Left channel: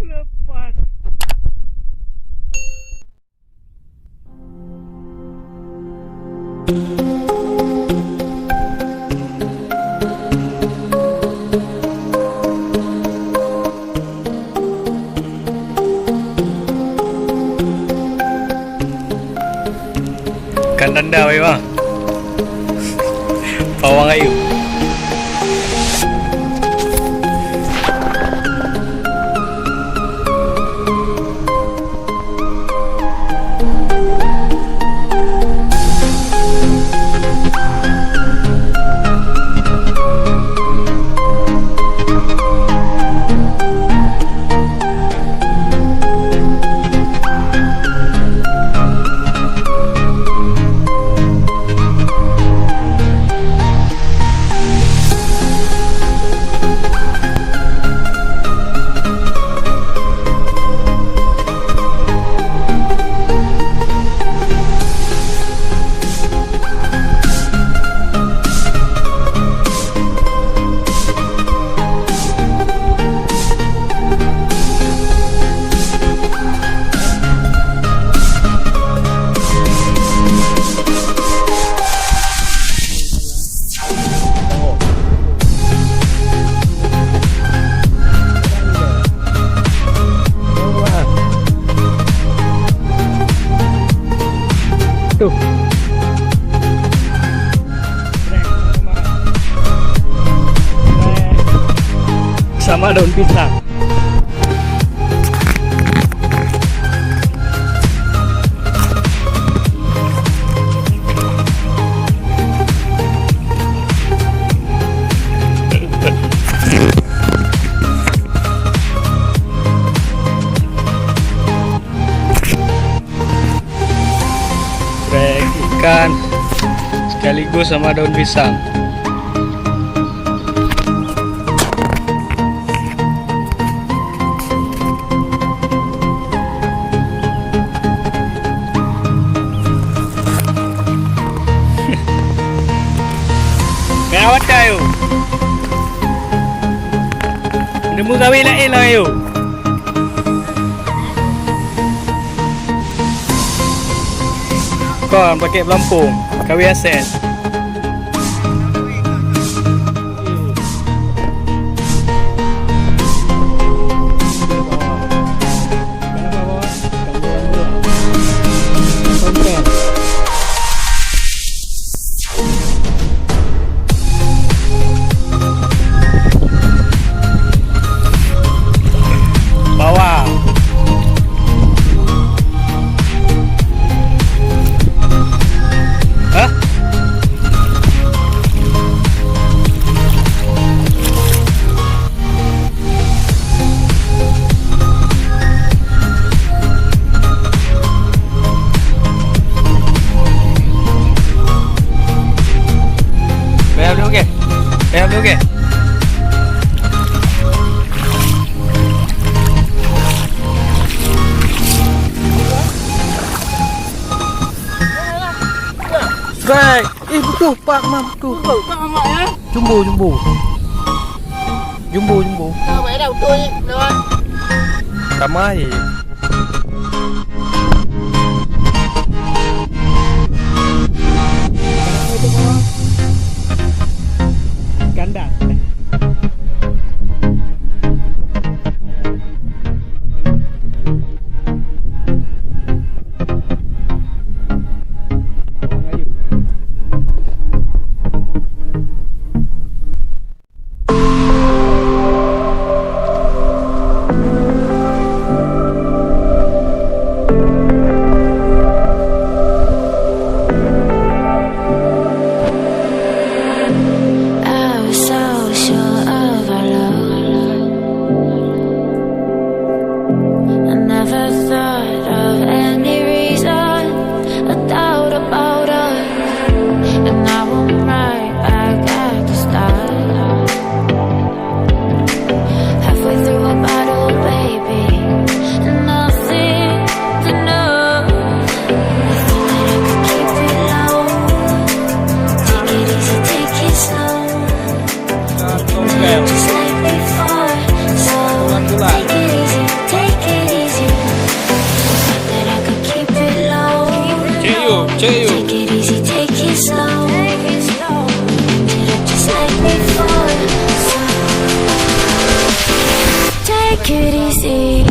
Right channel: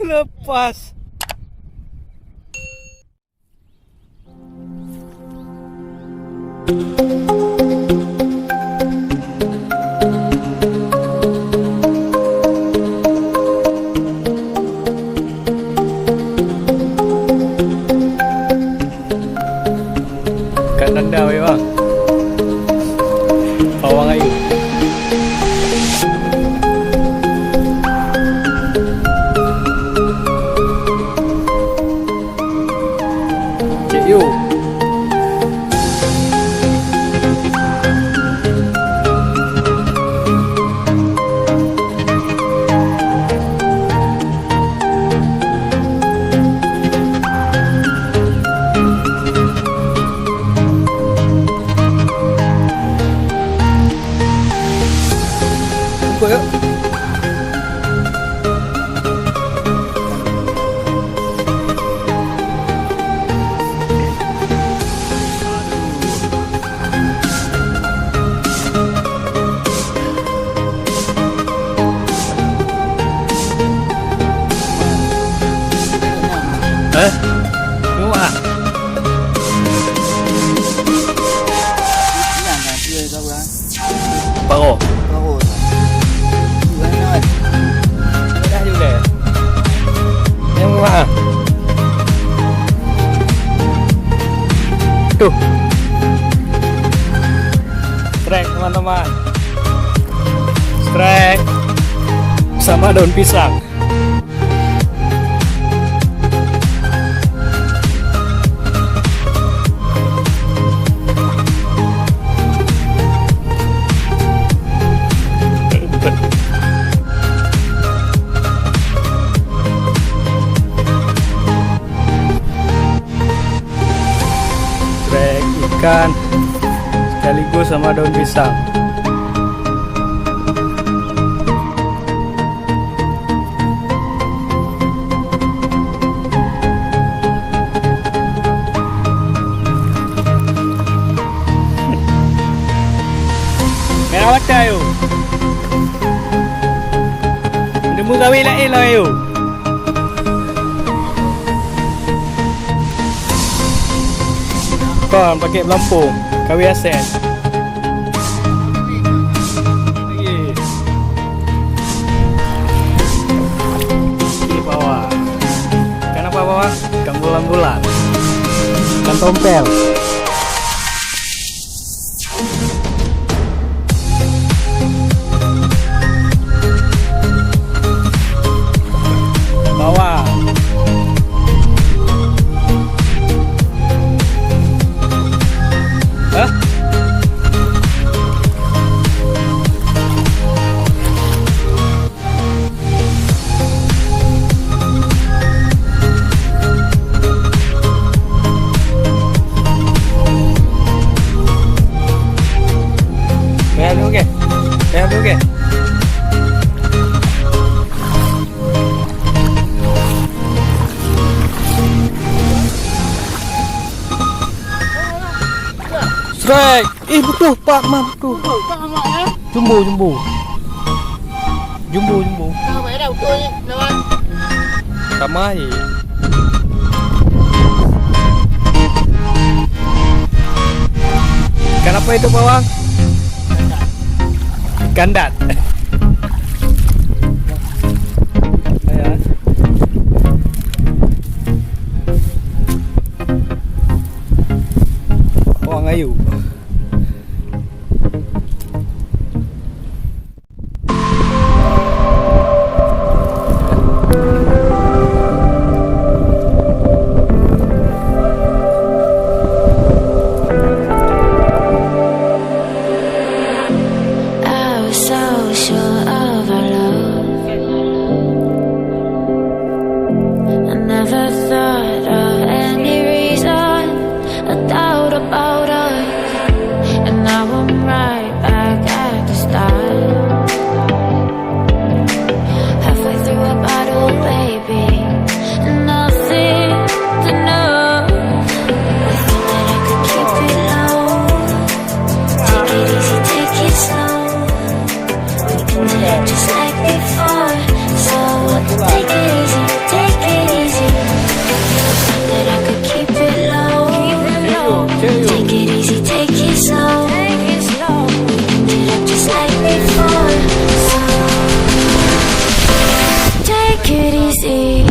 Lepas. Ikan danda memang. Pawang ayu. Cik Yu. Tuh, strek teman-teman, strek sama daun pisang. Strek ikan sekaligus sama daun pisang. Merawat kayu. Nemu kawin nak elah ayo. Kon pakai pelampung, kawi aset. Lagi. Di bawah. Ikan apa bawah? Ikan bulan-bulan. Ikan tompel. Bawah. Hah? Bayar dulu ke? Bayar dulu ke? Strike. Betul Pak Mam tu. Jumbo. Ramai. Ikan apa itu bawang? Ikan dat. Bawang ayu. I was so sure easy.